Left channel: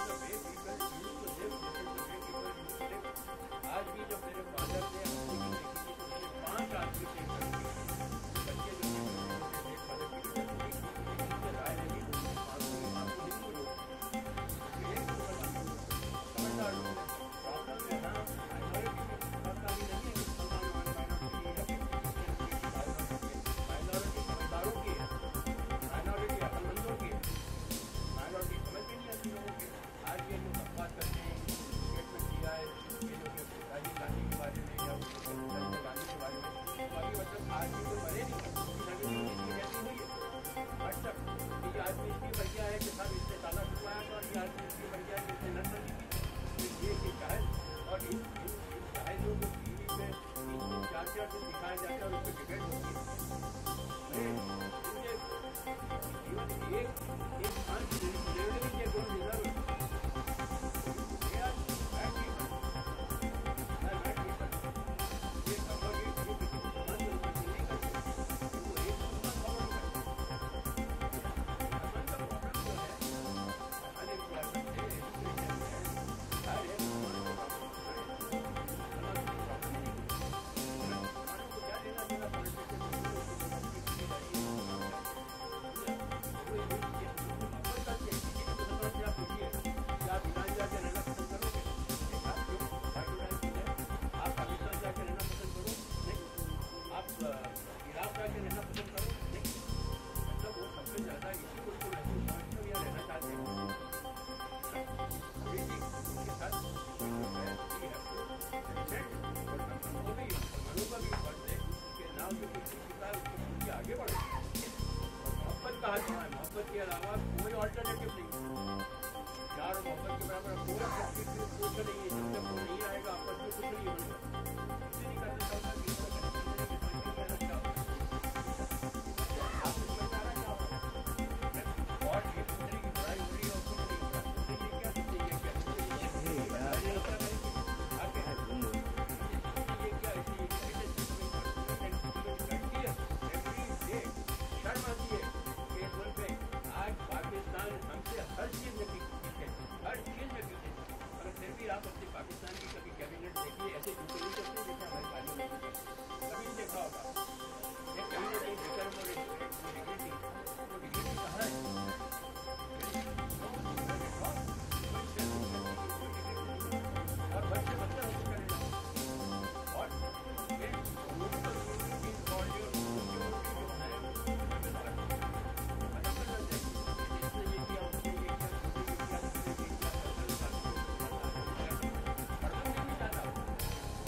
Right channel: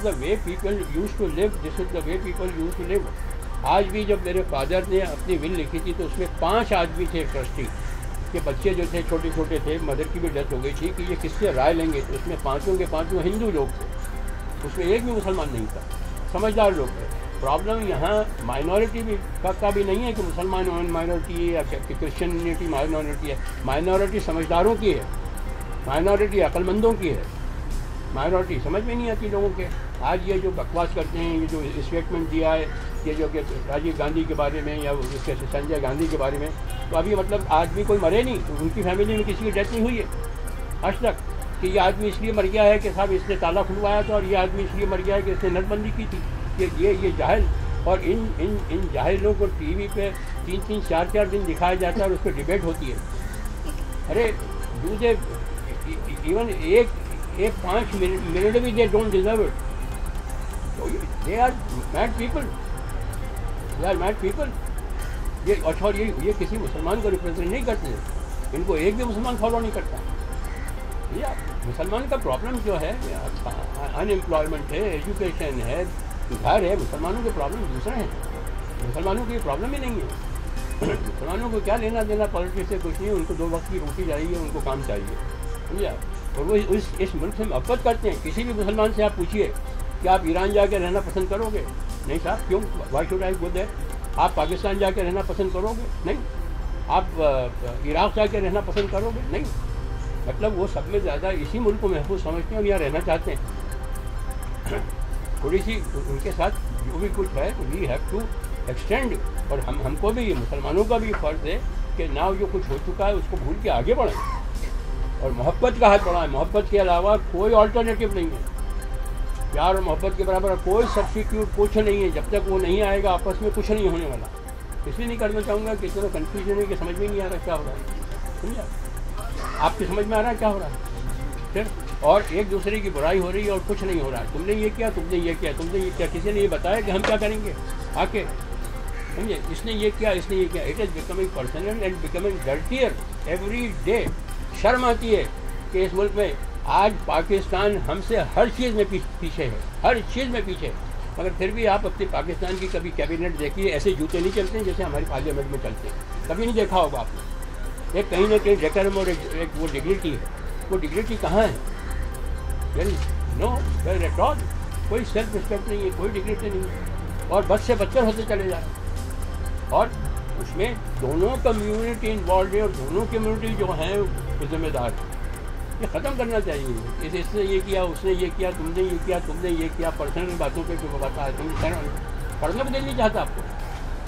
is the way people used to live, this is the way people used to live. आज भी जब मेरे father ने अपनी विल लिखी थी तो उसमें 5 आदमी थे ट्रस्टी के, बच्चे जो थे छोटे छोटे थे, मदर की भी डेथ हो गई थी कि ये किससे राय लेंगे, तो उसमें पाँचों के पाँचों हिंदू लोग थे, उसमें एक भी मुसलमान नहीं था, समझदार लोग थे। प्रॉब्लम यहाँ माइनॉरिटी भी का भी नहीं है कि मुसलमान माइनॉरिटी है या क्रिश्चियनिटी माइनॉरिटी है, माइनॉरिटी समझदारों की है, माइनॉरिटी अक्लमंदों की है, माइनॉरिटी समझ में नहीं आती लोगों के। आज ये जो बकवास करते हैं, ये जो स्टेटमेंट दिया है ये जो कि राजीव गांधी के बारे में या उसके संजय गांधी के बारे में, तो अभी मतलब आदमी कोई मरे नहीं, उनकी फैमिली में किसी की डेथ नहीं हुई है आज तक कि ये आदमी इसलिए मर गया है कि साहब इसने ताला खुलवाया था और ये आदमी इसलिए मर गया है कि इसने नोटबंदी की थी। कि ये जाहिल, और इन जाहिलों को टीवी पे 3-3, 4-4 दिन दिखाया जाता है और उस पर डिबेट होती है। अरे दूसरे इवन एक 5 मिनट भी they don't deserve it. They are mad people, they are mad people. ये अच्छा, ये किसी मुसलमान को रिप्रेजेंट नहीं करते, इनको एक भी मुसलमान फॉलो नहीं करता। या मुसलमान का प्रॉब्लम जो है अनएम्प्लॉयमेंट है, एजुकेशन है, घर है। मुसलमानों के प्रॉब्लम दूसरे हैं, मुसलमानों की प्रॉब्लम ही नहीं है। मुसलमानों को क्या लेना देना पॉलिटिक्स से, कुछ नहीं, उनको 2 वक्त की रोटी चाहिए, उनको काम चाहिए, समझा। और वो इस मुल्क से मोहब्बत करते हैं। किसी भी मुसलमान से आप पूछिए कि आप ईरान जाके रहना पसंद करोगे? नहीं साहब, क्यों, why should I go there? आप पाकिस्तान जाके रहना पसंद करोगे? नहीं। आप इराक़ जाके रहना पसंद करोगे? नहीं। मतलब वो सब में ज़्यादा इसी मुल्क को महफूज समझते हैं और यहाँ रहना चाहते हैं। थोड़ी सी उनके साथ जो भी कुछ है वी हैव टू एक्सटेंड, और हमको भी, मुसलमानों का भी फ़र्ज़ है कि ना जो कुछ हो चुका है उसको भूल के आगे बढ़ें और मोहब्बत का हाथ बढ़ाएं। मोहब्बत के अलावा कोई ऑल्टरनेटिव नहीं है। प्यार और मोहब्बत के बराबर कोई सब्स्टिट्यूट कुछ नहीं है। जब तक वो नहीं आएगा आपस में कुछ नहीं होने वाला। इसलिए नहीं करना चाहूँगा कि इतना कन्फ्यूजन है कि समझ में नहीं आ रहा क्या हो रहा है, समझा। आपकी समझ में आ रहा है क्या हो रहा है फिर? और एक दूसरे की बुराई हो रही है और कुछ नहीं हो रहा है। तुमने ये किया, तुमने ये किया, तुमने ये किया, किसी ने ये बताया कि हम क्या करेंगे आके, समझे। इसने ये किया, इसने ये किया। It is becoming personal and becoming dirtier every day. शर्म आती है कि इस मुल्क में आज पाकिस्तान हमसे हर चीज़ में पीछे है, हर चीज़ में पीछे है। मगर फिर भी आप अपने पाकिस्तान की कभी कैबिनेट देखिए, ऐसे जूते नहीं चलते हैं जैसे हमारी पार्लियामेंट में चलते हैं। कभी नहीं देखा होगा आपने। एक कहीं ना कहीं डेकोरम और एक वो डिग्निटी है। वो डिग्निटी कहाँ है? No well at all. कोई सेल्फ रिस्पेक्ट नहीं है, कोई डिग्निटी नहीं है, और बद से बदतर होते चले जा रहे हैं। और उसमें दोनों कम्युनिटी इन्वॉल्व है और दोनों कम्युनिटी जो हैं वो जिम्मेदार है। ये ख़त्म करना चाहिए। इसने ये किया, उसने ये किया, तुमने ये किया, तुमने ये किया, पर्सनल बातों पे जो बताता है। तुम पढ़ना भी नहीं चाहता आपको।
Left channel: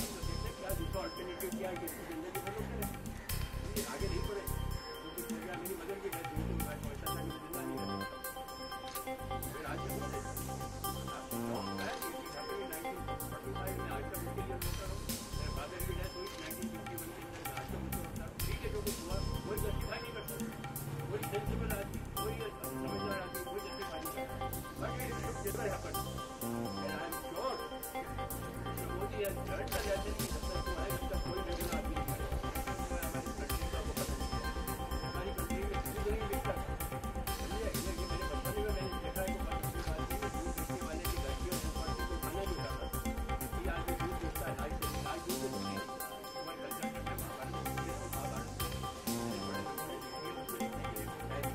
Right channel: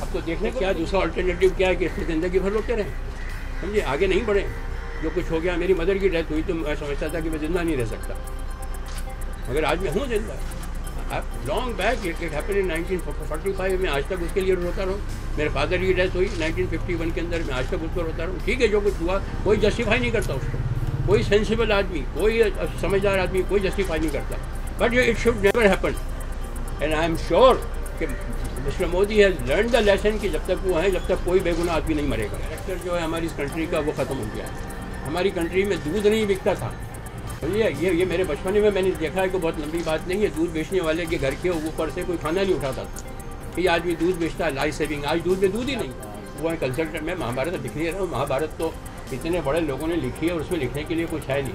अब तो देखने क्या दूसरा अल्टरनेटिव क्या है कि इससे ज़िंदगी भर रोकते रहें, समझे, आगे नहीं बढ़े। जो कुछ हो गया, मेरी मदर की डेथ हुई तो मैं समझता था कि मैं ज़िंदा नहीं रह सकता, मगर आज मैं हूँ जिंदा। Long back it happened in 1945 में। आज तक उसके लिए रोता रहूँ। मेरे फादर की डेथ हुई 1951 के अंदर, मैं आज तक उसको रोता रहूँ। ठीक है, जो कुछ हुआ कोई जस्टिफाई नहीं करता उसको, कोई सेंसिबल आदमी, कोई समझदार आदमी कोई जस्टिफाई नहीं करता। But it should never happen and I am sure कि mister Modi has learn the lesson कि जब तक वो हैं, जब तक कोई बेगुनाह आदमी नहीं मरेगा। कैरेक्टर जो है हमारी इस कंट्री का वो ख़त्म हो गया है। हमारी कंट्री में दूध नहीं बिकता था। ये मेरे बचपन में मैंने देखा है कि बहुत लंबी बात नहीं है। दूध बेचने वाले के घर के ऊपर से कोई खाना नहीं उठाता था। ये आदमी दूध बेचता है, लाइफ सेविंग। आज दूध में दूध ही नहीं। वो है कंसल्टेंट। मैं महाभारत लिख रहा हूँ। महाभारत तो इतने बड़े लोगों ने लिखी है और उसमें लिखने के लिए कुछ है नहीं।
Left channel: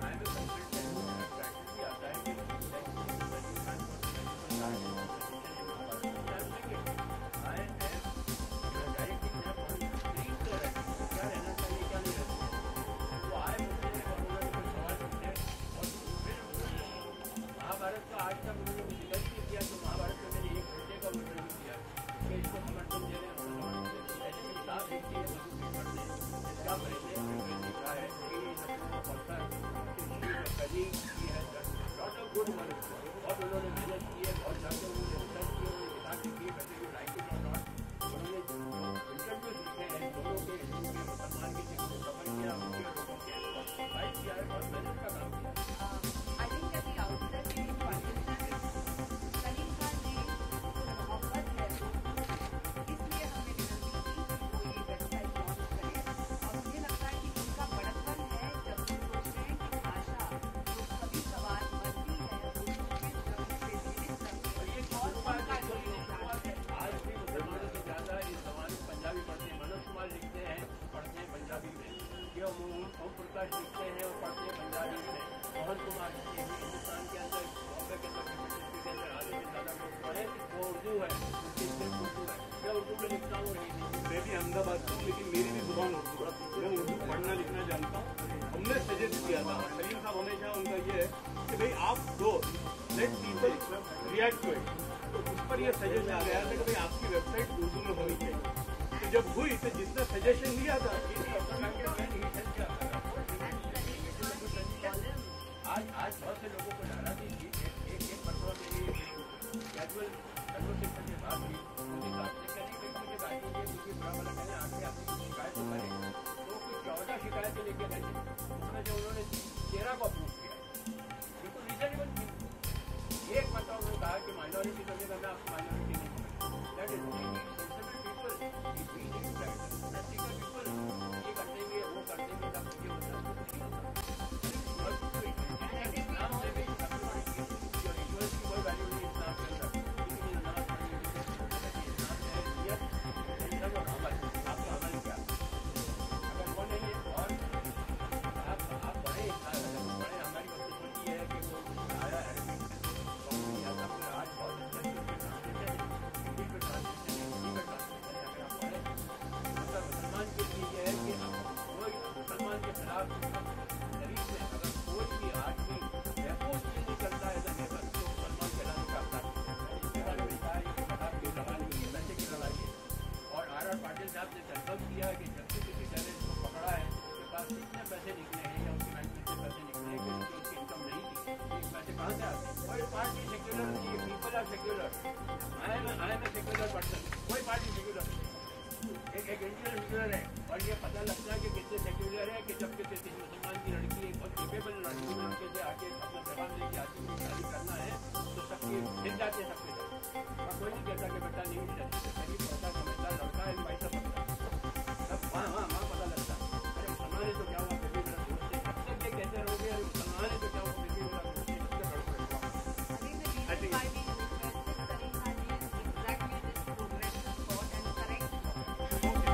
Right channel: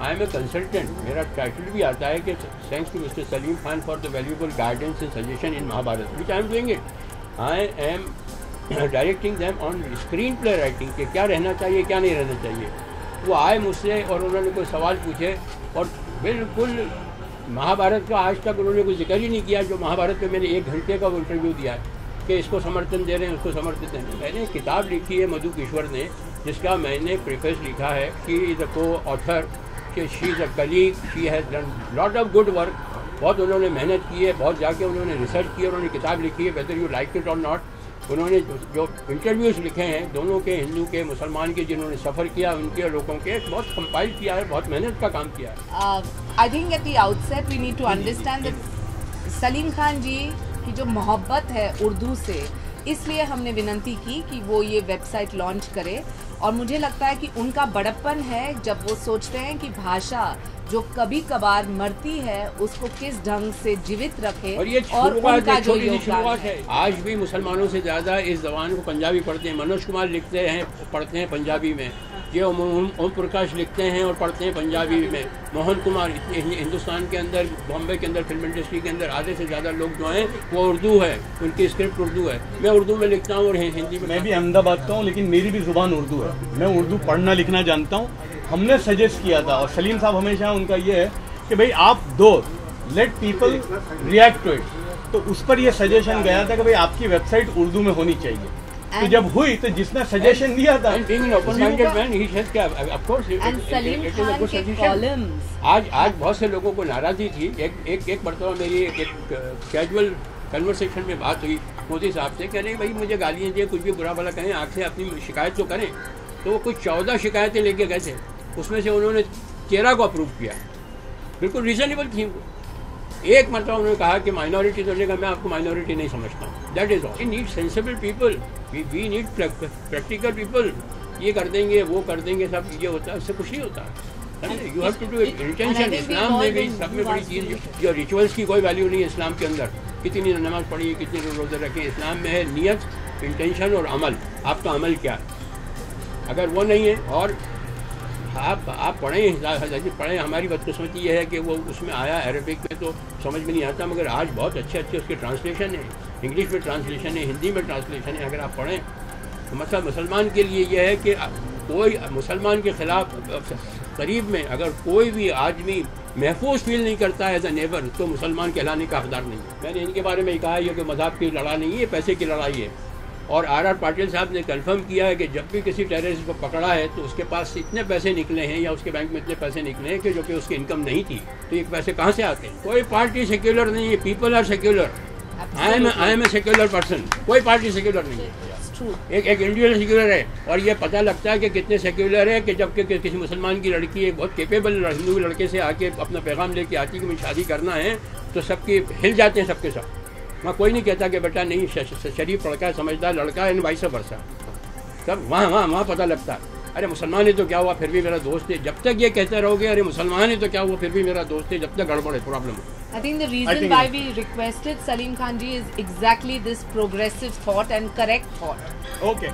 I am a consultant. मेरा टाइटल भी आता है कि thanks to mister Salim Khan for the valuable guidance and suggestion in Mahabharat, which I am doing it. I am directing them on screen play writing के क्या रहना चाहिए, क्या नहीं रहना चाहिए। वो आए मुझसे और उन्होंने कोई सवाल पूछे और बिल्कुल महाभारत का आज तक उन्होंने कोई जिक्र ही नहीं किया। जो महाभारत में मैंने 1 घंटे का वो इंटरव्यू दिया है कि इसको समर्थन दे रहे हैं, उसको समर्थन दे रहे हैं। मैंने किताब लिखी है मधु किश्वर ने, जिसका मैंने प्रीफेस लिखा है। शी इज़ अ को ऑथर, कि she is a colleague, she has done lot of good work. बहुत उन्होंने मेहनत की है, बहुत जाके उन्होंने रिसर्च की, उन्होंने किताब लिखी है, वेदर यू लाइक इट और नॉट। उन्होंने जो इंटरव्यूज़ लिखे हैं दोनों के, हिंदू के, मुसलमान के, जिन्होंने सफ़र किया उनके, लोगों के, बहुत कंपाइल किया है, बहुत मेहनत का काम किया है। I think at the outset we need to understand that Salim Khan ji की जो मोहब्बत है उर्दू से, इसलिए हमने विनती की कि वो ये वेबसाइट लॉन्च करे। और मुझे लगता है कि उनका बड़प्पन है जब वो सोचते हैं कि भाषा जो कभी कभार मरती है उसको किस ढंग से जीवित रखे और ये और उनका जो छोटी सी योगदान शुरुआत है। है। आज भी मुसलमानों से ज़्यादा इस जबान को पंजाबी पढ़ते हैं। मनोज कुमार लिखते हैं, पढ़ते हैं पंजाबी में। ये ओम प्रकाश लिखते हैं और पढ़ते हैं पंजाबी में। मोहन कुमार, हिंदुस्तान के अंदर, बॉम्बे के अंदर, फिल्म इंडस्ट्री के अंदर आधे से ज़्यादा लोग जो हैं वो उर्दू है, उनकी स्क्रिप्ट उर्दू है। मैं उर्दू में लिखता हूँ और हिंदी में। मैं भी अहमदाबाद का हूँ, लेकिन मेरी भी ज़ुबान उर्दू है। मैं उर्दू पढ़ना लिखना जानता हूँ। हमने सजेस्ट किया था, और सलीम साहब हमेशा उनका ये है कि भाई आप दो, let people react to it. तो उस पर ये सजेशन गया था कि भाई आपकी वेबसाइट उर्दू में होनी चाहिए। तो जब हुई तो जिसने सजेशन दिया था, आज बहुत से लोगों को नाराज़गी थी। एक मरतबा मेरी एक कैजुअल कन्वर्सेशन में बात हुई मोदी साहब से, कह रहे भाई मुझे गालियाँ दिए, कुछ भी बुरा भला कहें, आग से अपनी शिकायत तो करें। तो वो कुछ 14 शिकायतें लेके गए थे, उसमें से उन्होंने 13 को अप्रूव किया। बिल्कुल रीजनेबल थी। एक मतलब उन्होंने कहा कि माइनॉरिटी तो लेगा, मैं आपको माइनॉरिटी नहीं समझता हूँ। That is all. We need sensible people, we need practical people. ये कर देंगे, वो कर देंगे, सब ये होता है, उससे कुछ नहीं होता। You have to do it intention. इस्लाम में भी सब में बड़ी चीज़ जो रिचुअल्स की कोई वैल्यू नहीं है इस्लाम के अंदर। कितनी नमाज पढ़ी, कितने रोज़े रखें, इस्लाम में है नियत, इंटेंशन और अमल। आपका अमल क्या है? अगर वो नहीं है और आप पढ़ें। हमारी बदकिस्मती ये है कि वो उसमें आया अरबिक में तो समझ में नहीं आता, मगर आज बहुत अच्छे उसके ट्रांसलेशन है। इंग्लिश में ट्रांसलेशन है, हिंदी में ट्रांसलेशन है। अगर आप पढ़ें तो मतलब मुसलमान के लिए यह है कि कोई मुसलमान के ख़िलाफ़ करीब में अगर कोई भी आदमी महफूज फील नहीं करता है एज ए नेबर, तो मुसलमान कहलाने का हकदार नहीं है। मैंने इनके बारे में कहा है कि मज़हब की लड़ाई नहीं है, पैसे की लड़ाई है। और आर पाटिल साहब ने कंफर्म किया है कि जब भी किसी टेररिस्ट को पकड़ा है तो उसके पास इतने पैसे निकले हैं या उसके बैंक में इतने पैसे निकले हैं कि जो कि उसकी इनकम नहीं थी। तो ये पैसे कहाँ से आते हैं? कोई पार्टी सेक्युलर नहीं है, people are secular. I am a secular person. कोई पार्टी सेक्युलर नहीं है। एक इंडिविजुअल सेक्युलर है। और ये पता लगता है कि कितने सेक्युलर है कि जब कि किसी मुसलमान की लड़की एक बहुत केपेबल हिंदू लड़के से आके अपना पैगाम लेके आती है कि मुझे शादी करना है, तो सबके हिल जाते हैं सबके सब। वहाँ कोई नहीं कहता कि बेटा नहीं, शरीफ लड़का है, समझदार लड़का है, वाइस वर्सा। तब वहाँ पता लगता है अरे मुसलमान है तो क्या हुआ, फिर भी मेरा दोस्त है। जब तक ये कहते रहोगे अरे मुसलमान है तो क्या हुआ, फिर भी मेरा दोस्त है, जब तक गड़बड़ है, प्रॉब्लम है। I think the reason why we requested Salim Khan ji is exactly this progressive thought and correct thought. Okay.